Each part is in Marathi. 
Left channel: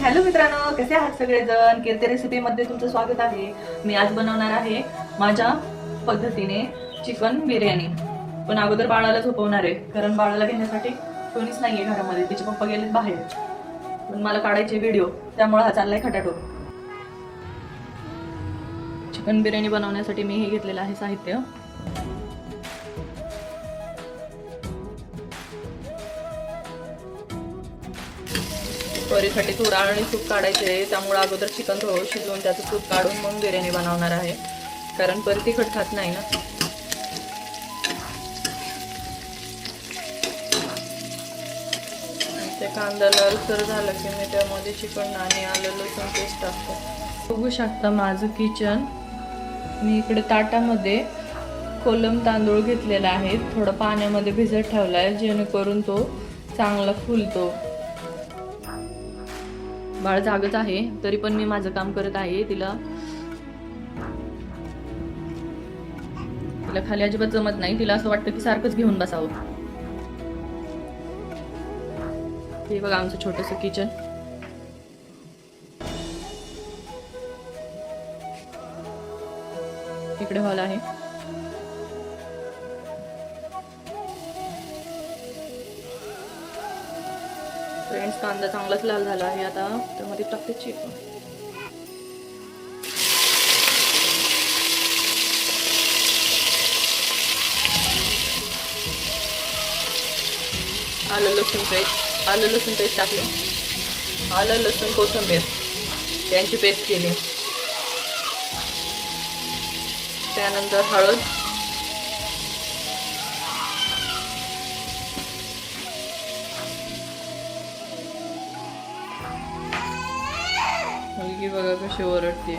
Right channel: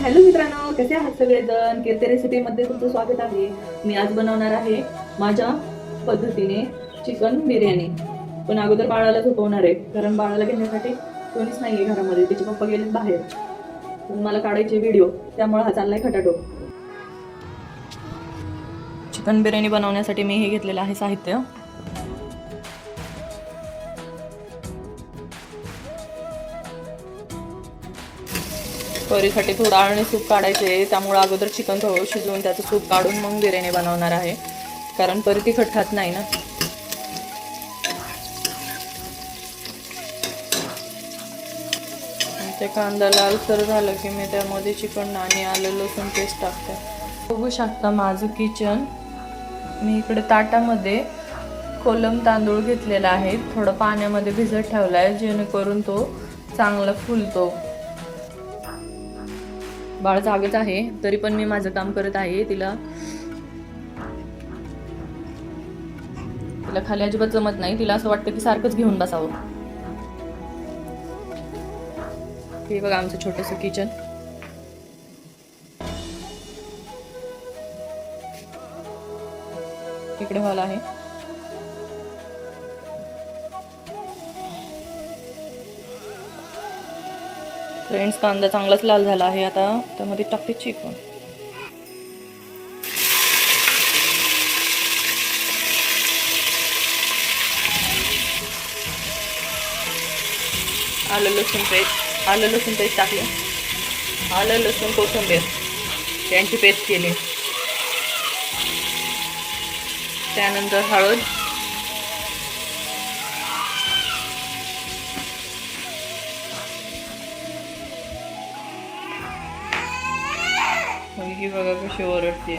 हॅलो मित्रांनो, कसे आहात सगळेजण? कीर्ती रेसिपीमध्ये तुमचं स्वागत आहे. मी आज बनवणार आहे माझ्या पद्धतीने चिकन बिर्याणी. पण अगोदर बाळाला झोपवणार आहे, कारण बाळाला घेण्यासाठी कोणीच नाहीये घरामध्ये. तिचे पप्पा गेलेत बाहेर. पण मला काढायचे व्हिडिओ, त्यामुळे हा चाललाय खटाटोप. चिकन बिर्याणी बनवण्यासाठी मी हे घेतलेलं आहे साहित्य. करीसाठी थोडं आणि सूप काढायचे आहे, त्यामुळे अगोदर चिकन थोडं शिजवून त्याचं सूप काढून मग बिर्याणी बनवणार आहे, कारण परत तिखट खात नाही ना. ते कांदा लालसर झालं की मी त्यामध्ये चिकन आणि आलं लसूण पेस्ट टाकते. बघू शकता माझं किचन. मी इकडे ताटामध्ये कोलम तांदूळ घेतलेला आहे, थोडं पाण्यामध्ये भिजत ठेवला आहे जेणेकरून तो चांगला फुलतो. बाळ जागच आहे तरी पण मी माझं काम करत आहे. तिला खाली अजिबात जमत नाही. तिला असं वाटतं की सारखंच घेऊन बसावं. हे बघा आमचं छोटंसं किचन. इकडे हॉल आहे. फ्रेंड्स, कांदा चांगलाच लाल झाला आहे. आता त्यामध्ये टाकते चिकन. आलं लसूण पेस्ट टाकले. आलं लसूण कोथिंबीर यांची पेस्ट केली. त्यानंतर हळद, मुलगी बघा कशी ओरडते.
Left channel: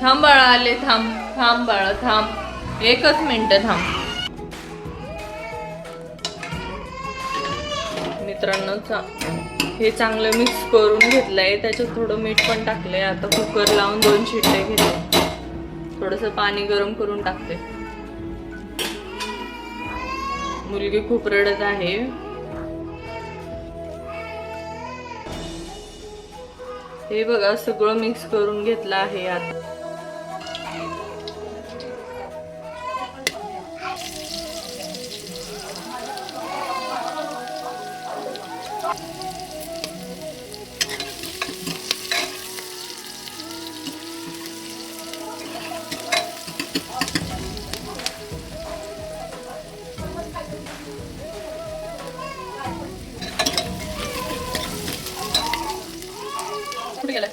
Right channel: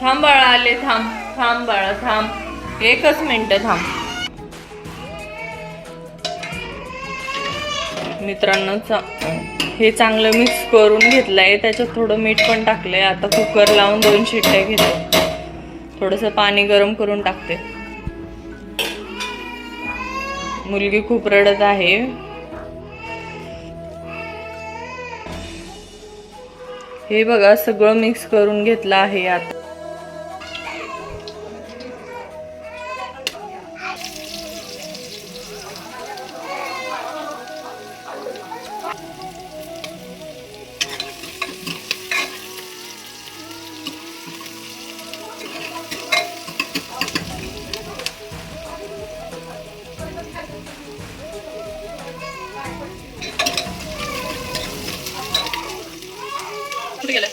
थांब बाळा, आले. थांब बाळा, थांब, एकच मिनिट थांब. मित्रांनो, हे चांगलं मिक्स करून घेतलंय. त्याच्यात थोडं मीठ पण टाकलंय. आता कुकर लावून 2 शिट्ट्या घेते. थोडंसं पाणी गरम करून टाकते. मुलगी खूप रडत आहे. हे बघा सगळं मिक्स करून घेतलं आहे. आता कुठे गेलाय?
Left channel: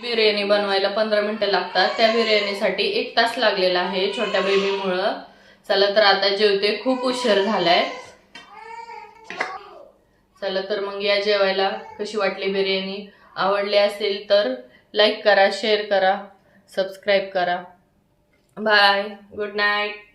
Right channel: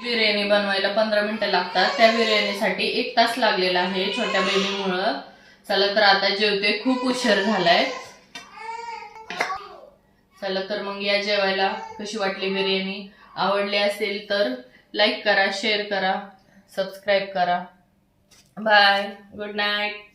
बिर्याणी बनवायला 15 मिनिटं लागतात. त्या बिर्याणीसाठी 1 तास लागलेला आहे छोट्या बेबीमुळं. चला तर आता जेवते, खूप उशीर झालाय. चला तर मग या जेवायला. कशी वाटली बिर्याणी? आवडली असेल तर लाईक करा, शेअर करा, सबस्क्राईब करा. Bye, good night.